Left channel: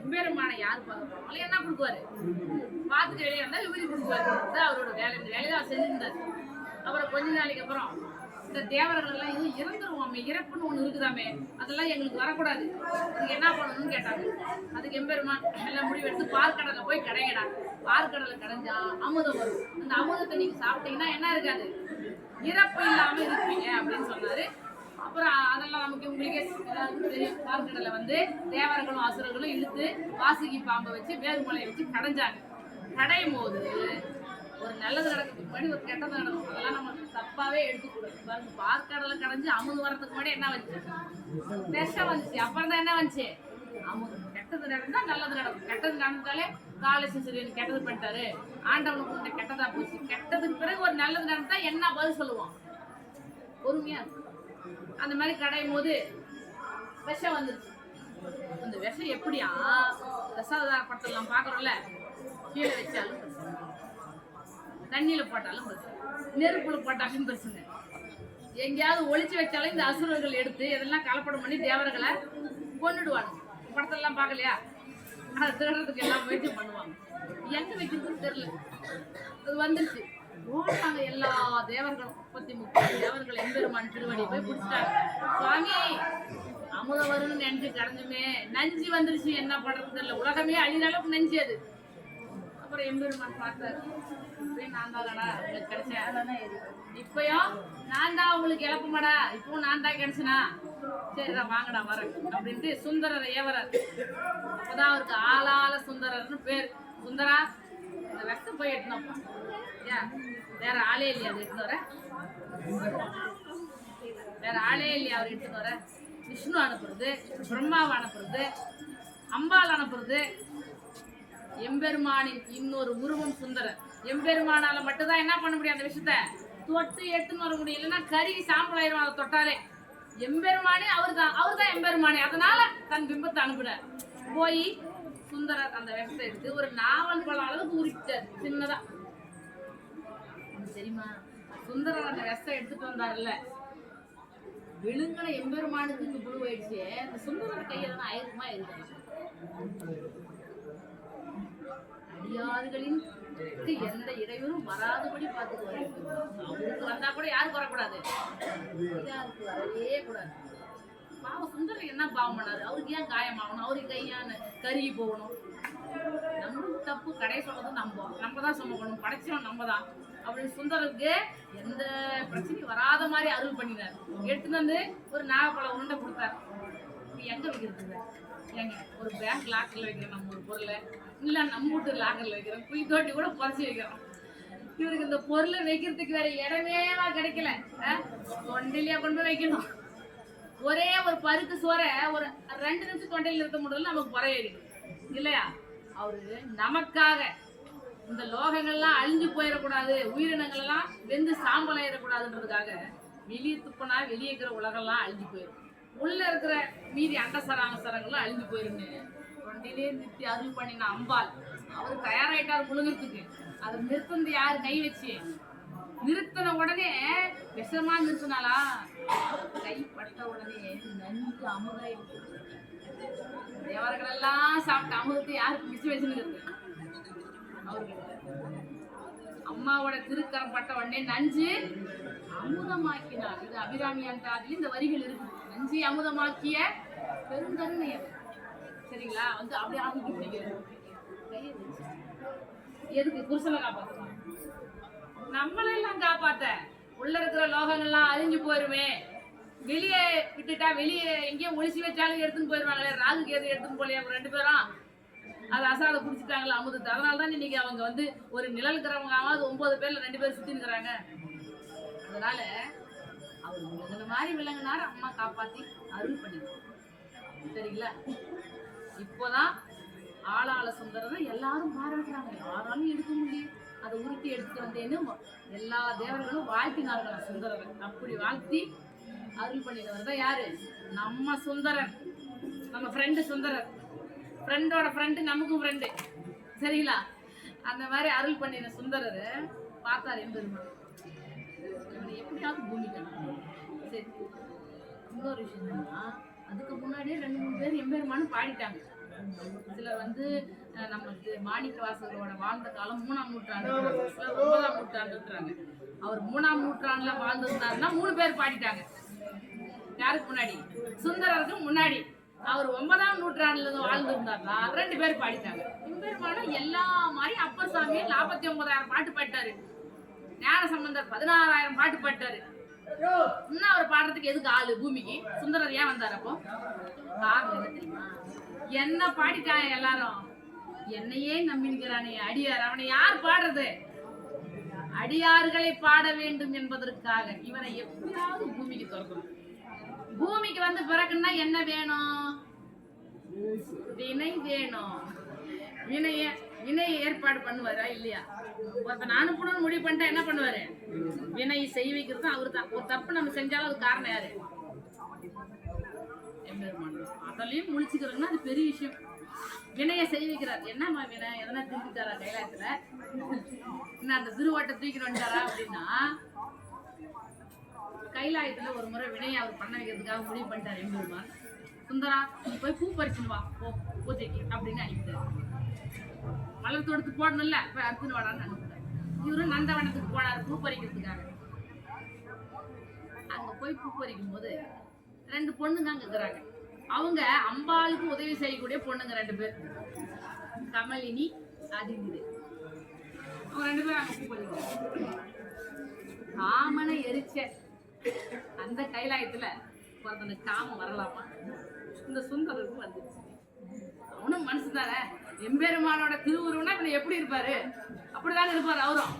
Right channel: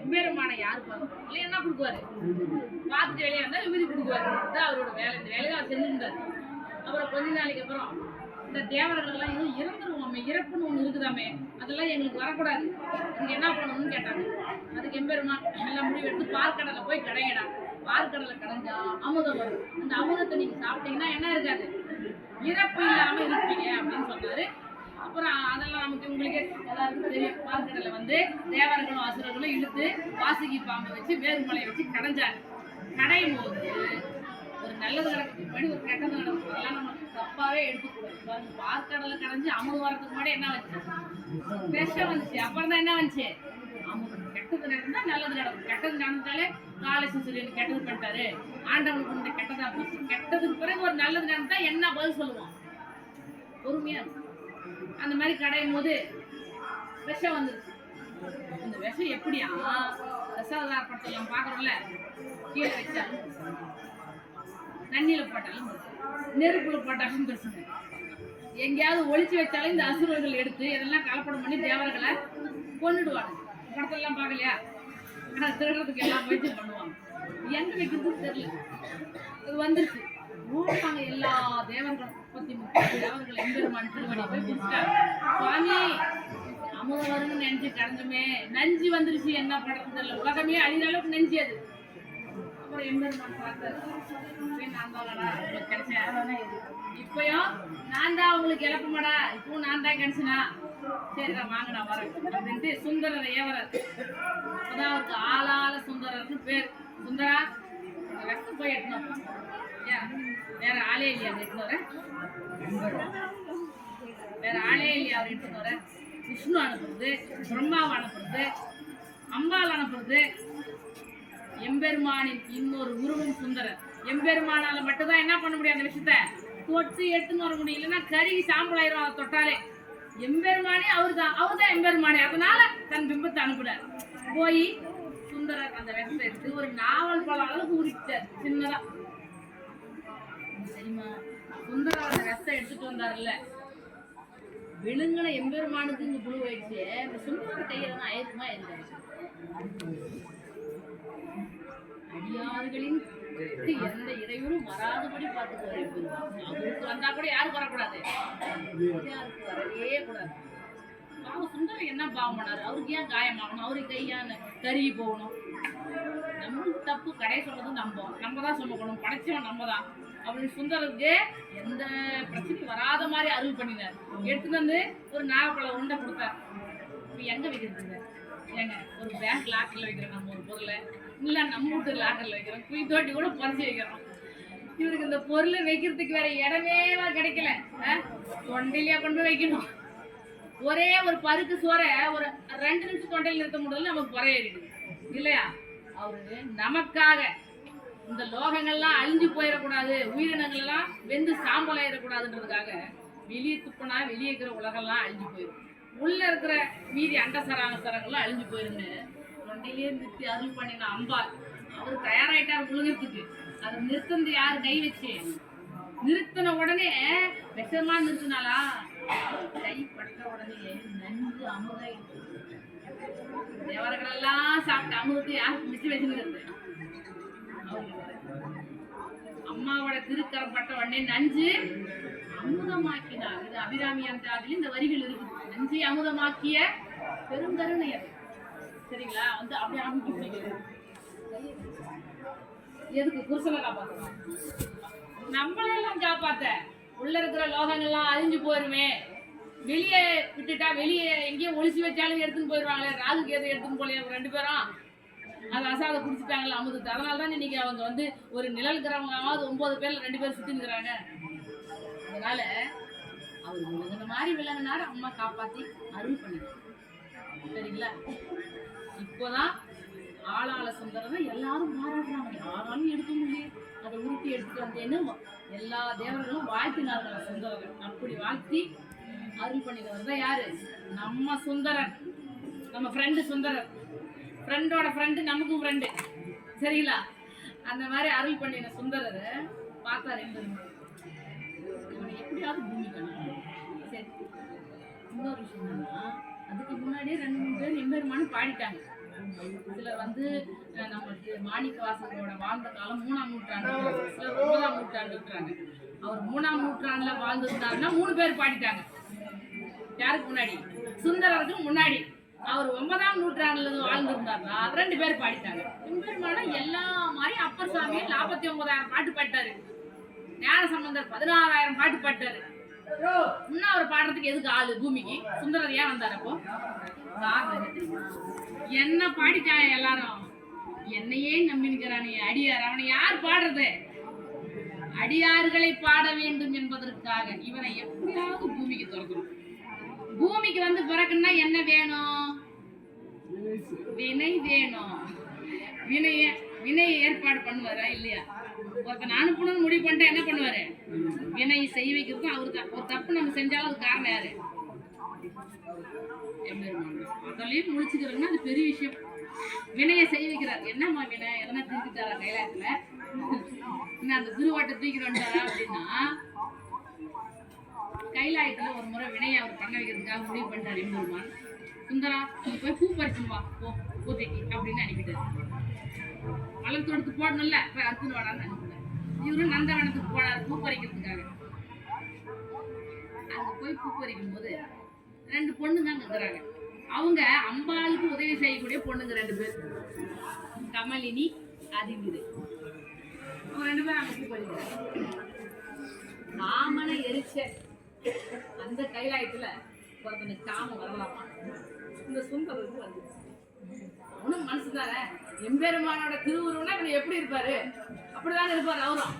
எம்பெருமான யார் பார்க்கணும் என்ன கொடுக்குவாரு, பார்த்துட்டு வெளியே வந்தா விபூதி கொடுக்குவாரு. அதான் அவரோட வேலை. இந்த வேலையை அவர் செஞ்சுருந்தாரு. அப்புறம் கொஞ்ச நாளைக்கு அப்புறம் இந்த தேவர்கள் எல்லாம் எதுவும் இறந்துருவோமே, இறப்புன்னு ஒண்ணு இருக்குதாமே, அதெல்லாம் எங்களுக்கு வரக்கூடாது, அதுக்கு என்ன பண்ணணும்னு கேட்டாங்க. அதுக்கு எம்பெருமான் எல்லாம் முடிவெடுத்து பார்க்கடலை போய் கடையடா, பார்க்கடலை கடைஞ்சா அமுதம் வரும், அந்த அமுதத்தை நீங்க சாப்பிட்டீங்கன்னா என்ன இருக்காது, இறப்பு இல்லாம இருப்பீங்க அப்படின்னு சொன்னாரு. அப்புறம் அதெல்லாம் நமக்கு உங்களுக்கே எல்லாருக்கும் தெரியும். பார்க்கடலை வந்து தேவர்களும் அசுரர்களும் இழுத்து வாசுகி பாம்பை வச்சு வேறுமலையை வச்சு கடைஞ்சாங்க. கடையும் போது ஒரு நல்லது நடக்கிறதுக்கு முன்னாடி ஒரு கெட்டது நடக்கும். அதெல்லாம் நம்ம தப்பாவே எடுத்துக்கூடாது. பாருங்க, பார்க்கடலை கடைஞ்சு அமுது வரதுக்கு முன்னாடி என்ன வந்துச்சு, விஷம் வந்துச்சு. அப்புறம் தான் என்ன வந்துச்சு, அமுது. கெட்டது நடந்தா நல்லது நடக்கும். கெட்டது நடந்தாலே காலேஸ்வரியன் கெட்டது பண்ணிட்டாரு, ஆண்டவனுக்கு இந்த கெட்டதா போச்சு. கெட்டதுக்கு பிறகு ஒரு நல்லது நடந்தா என்ன பதில் சொல்லுவோம், பொறுமையா இருக்கும். அந்த மாதிரி கடையும் போது விஷம் வந்துருச்சு. அந்த விஷம் எப்படியா, தசாவதார படத்தெல்லாம் பாக்குறோம்ல, கீழே வச்சாலும் தண்ணியில போட்டாலும் நெருப்புல போட்டாலும் பிரச்சனை, எங்கேயாவது ஒளிச்சு வச்சாலும் இந்த அசுரர்கள் எடுத்து இதெல்லாம் கலப்படம் பண்ணி தேவர்களை கொண்டுடுவாங்க. படத்தெல்லாம் பார்க்கலையா, அதை திருடுறதுக்கு எல்லாம் முயற்சி பண்ணுவாங்க. எங்க வைக்கிறதுன்னு தெரியல, அது வந்துருச்சு. ஓட்டாங்க எல்லா தேவர்களும், 33 தேவர்கள் எம்பெருமான் திருவடி போய் குடிச்சிட்டாங்க. சுவாமி அமுதம் வரும்னு நினைச்சு கடந்துமே நஞ்சு வந்துருச்சு, என்ன பண்றது தெரியல, உலகமே அழிகிற அளவுக்கு நஞ்சு அது. அப்புறம் எம்பெருமான் பார்த்தாரு, இப்பயும் நான் தானடா உங்களுக்கு கிடைச்சேன், இப்பயும் நான் தான் உங்களுக்கு இழப்புமாடா, இப்பவும் நான் தான் கிடைச்சனா, சரிடா வாங்கடா வரேன் அப்படின்ட்டு சுந்தரரை ஏவரார். அப்பதான் அவருக்கு ஆளால சுந்தரர்னு பேர். சுந்தரா இந்த வெக்கம் போய் எட்டணும்ப்பா, ஏன் வேற ஆளே இல்லையா அவர் எட்டுன்னு வர, வேற ஆளே இல்லையா அவர் எட்டுன்னு வர. விஷ்ணு அனுப்புறது, பிரம்மாவை அனுப்புறது, அம்பாள் அனுப்புறது. எம்பெருமானின் இன்னொரு உருவம் சுந்தரர். எம்பெருமானால மட்டும்தான் என்ன பண்ண முடியும், அந்த விஷயத்த தொட்டு எட்டுன்னு வர முடியும், இல்லைன்னா கறி சாம்பல் ஆயிரும் அதை தொட்டாலே. எம்பெருமானே அவர்தான் எம்பெருமானே. அதனால தன் பிம்பத்தை அனுப்புறார். போய் சுந்தரர் அந்த விஷத்தை எடுத்து ஒரு நாவல் பழம் அளவுக்கு உரிச்சார் சின்னதா. தெரியுமா, சுந்தரர் அந்த விஷத்தை எடுத்துட்டு வந்தாருல்ல, விழுங்கின எம்பெருமானுக்கு இங்க புழு ஆயிடுச்சு. அந்த சுந்தரர் கையில தான் ஆயிருக்குமா இருக்காரு. அடியாறுகளின் எந்த இறைவரும் வராதபடி பார்த்துக்குவாரு. அவருக்கு வந்தா கூட யாருக்கு வரக்கூடாது, யாருக்கு வரவே கூடாது. பாவம் சுந்தரம் என்ன பாவம் பண்ணாரு, அவருக்கு ஏன் காயமாகணும், அவருக்கு கையான கருகி போகணும். நம்மளுக்கு தப்பு, கடையை சொல்றது நம்ம தான் சொல்லணும், படைச்சவன் நம்ம தான் அப்படின்னு சுந்தருக்கு எந்த பிரச்சனையும் வராத மாதிரி அருள் பண்ணினார். எடுத்துட்டு வந்து ஒரு நாகப்பழம் உருண்டை கொடுத்தார். இப்போ எங்க வைக்கிறதுங்க, ஏங்க ஒரு பேங்க் லாக்கர்ல வைக்கிறோம் நம்ம ஒரு பொருளை, இல்ல நம்ம வீட்டு லாக்கர்ல வைக்கிறோம், குய் தோட்டி கூட பறிச்சு வைக்கிறோம். இவருக்கு இந்த பொருளை வைக்கிறதுக்கு வேற இடமே கிடைக்கல, தொண்டையிலேயே கொண்டு போய் வைக்கணும். ஒரே ஒரு பருக்கு சோற ஒரு 2 நிமிஷம் தொண்டையில் நிறுத்த முடியல, நமக்கு குறையிருக்கு இல்லையா. அவரு நமக்காக இந்த லோகங்கள்லாம் அழிஞ்சு போயிடக்கூடாது, உயிரினங்கள் எல்லாம் வெந்து சாம்பல் ஆயிடக்கூடாதுன்றதுக்காக வெளியே துப்புனா வெளியே இருக்கிற உலகெல்லாம் அழிஞ்சு போயிடும், உள்ள இருக்கிற மீதி அண்டசராங்கசரங்கள்லாம் அழிஞ்சு போயிருன்னு தொண்டையிலே நிறுத்தி அருள் பண்ணின அம்பாள். அவர் தயாராயிட்டார் முழுகிறதுக்கு. அதை நிறுத்தந்து யாரு கை வச்சு, நிறுத்தின உடனே விஷமா நிறுத்தினாலா, கை பட்ட உடனே நன்கு அமுதாயிடுச்சு. தேவர்கள் எல்லாம் சாப்பிட்ட அமுதத்தை யாருக்கு மிச்சம் வச்சுருக்கிறது, அவர்களுக்கு. அம்மாவோட திருக்கரம் பட்ட உடனே நஞ்சு அமுதமாக்கினார். இது அபிராமி அந்தாதில் இந்த வரிகள் இருக்கு. நஞ்சை அமுதமாக்கிய பெருங்கருணை அது, சரிங்களா. வந்து அப்படியே அமுக்கி பிடிக்கிறது. எதுக்கு, புருஷனை காப்பாற்ற, நம்மளெல்லாம் காப்பாத்த. உள்ள இருக்கிற லோகங்கள்லாம் அழிஞ்சு போயிருமே, வெளியே விட்டுட்டா வெளியே எங்கேயும் ஒளிச்சு வச்சாலும் எடுத்துன்னு போயிருவாங்களே, ராகு கேது எடுத்துன்னு போலையா 2 பேரும், அது அசாத குடிச்சிட்டாங்களா அமுதத்தை. அதனாலதான் இன்னைக்கு அவங்க வந்து ஒரு நிழல்கிறவங்க 9 பேர்ல 2 பேர் சுத்தி நிற்கிறாங்க. அதனால அவர் விலங்கின மாதிரி விலங்கினாரு, அம்மா காப்பாத்தி அருள் பண்ணிடுறாங்க, சரிங்களா. இப்போதான் ஆளாள சுந்தரம் எல்லாரும் பாராட்டுறாங்க, யாராலும் எடுக்க முடியும், அதை உருட்டி எடுத்துட்டு வந்தேன்னு எல்லா தேவர்களும் வாழ்த்தினார்கள் சுந்தரரை. அப்படி வாழ்த்தி அருள் பண்ணினவர் தான் யாரு, நம்ம சுந்தரன், நம்ம ஃப்ரெண்டு சுந்தரர். ஃப்ரெண்டோட ஃப்ரெண்டு நமக்கும் ஃப்ரெண்டு, சரிங்களா. அந்த மாதிரி அருள் பண்ணின சுந்தரரை பார்த்தார் எம்பெருமான். இவனை எப்படியாவது பூமிக்கு. சரி, இன்னொரு விஷயம் என்னன்னா, அதுக்கு முன்னாடியே 2-3 பேர் எம்பெருமானு பாடிட்டாங்க. சிலர் வந்து நமக்கு மாணிக்க வாசகரோட வாழ்ந்த காலம் 3ஆம் நூற்றாண்டு, சிலர் 9ஆம் நூற்றாண்டுன்றாங்க. அவர் 3ஆம் நூற்றாண்டுல வாழ்ந்திருந்தாருன்னா 3 பேர் பாடிட்டாங்க. யாருக்கு முன்னாடி? சுந்தரருக்கு முன்னாடி. அவர் 9ஆம் நூற்றாண்டுல வாழ்ந்திருந்தாருன்னா 2 பேர் பாடிட்டாங்க. எம்பெருமானா எல்லா மாதிரி அப்பர் சாமியும் 49,000 பாட்டு பாடிட்டாரு. ஞான சம்பந்தர் 16,000 பாட்டு பாடிட்டாரு. இன்னும் அவர் பாடுறதுக்கு எதுக்கு ஆளு பூமிக்கு? சுந்தரர் ஏன் வந்தார்? அப்போ காரணம் என்ன தெரியுமா? என்ன பாடிட்டாங்க எல்லாரும், என்னையே நம்பிக்கிறானே அடியார், அவனை யார் பாடுறது? அடியார்களை பாட வேண்டும் என்பதற்காக இவனை எப்படியாவது பூமிக்கு திறக்கணும். பூமிக்கு வந்து பிறக்குன்னா என்ன வேணும்? வினை வேணும். வினையை ஏற்பாடு பண்ணுவாரா இல்லையா? ஒருத்தன் அனுப்பணும்னு முடிவு பண்ணிட்டா என்ன பண்ணுவாரு? வினை செய்ய வைக்கிறது அவரு தான். ஒரு தப்பு நம்ம செஞ்சாலும் அது காரணம் யாரு? அதெல்லாம் முழிச்சுக்கிறோம்னா அது பெரிய விஷயம். வினையை செய்ய வைக்கிறார். என்னம்மா வினை? எதனா திருப்பிட்டாரா கைலாயத்துல? இன்னும் அந்த திருவாட்டை தூக்கிட்டு வந்துட்டாரா அப்படின்னா, கைலாயத்துல ஒரு முறை வினையை அவர் பண்ண வைக்கிறதுக்காக முடிவு பண்ணிட்டார் எம்பெருமான். சுந்தரா நீ போய் பூ பறிச்சுமா போ பூஜைக்கு அப்படின்னு அனுப்பிட்டாரு. மலர் தொடுத்து போடணும்ல, போய் அறுத்துன்னு வாடான்னு அனுப்பிட்டார். இவரு நந்தவனத்துக்கு போனார் பூ பறிக்கிறதுக்காக. அங்க போய் பூ பறிக்கும் போது 2 பொண்ணுங்க அங்க இருக்கிறாங்க. அவங்க அம்பாளுக்கு உதவி செய்யக்கூடிய பொண்ணுங்க 2 பேர், கமலினி அதிநிதி. அவங்க 2 பேரும் அங்க பூ பறிக்கிறாங்க. காமனை எரிச்ச அந்த கைலாயத்துல ஒருத்தனுக்கு காமம் வரலாமா? இந்த சுந்தரருக்கு வந்துச்சு. அவனும் மனசுதானே, எம்பெருமானோட திருவுருவனா இப்ப எப்படி இருப்பாரு? அப்படிதான் இருப்பாரு அவரும்.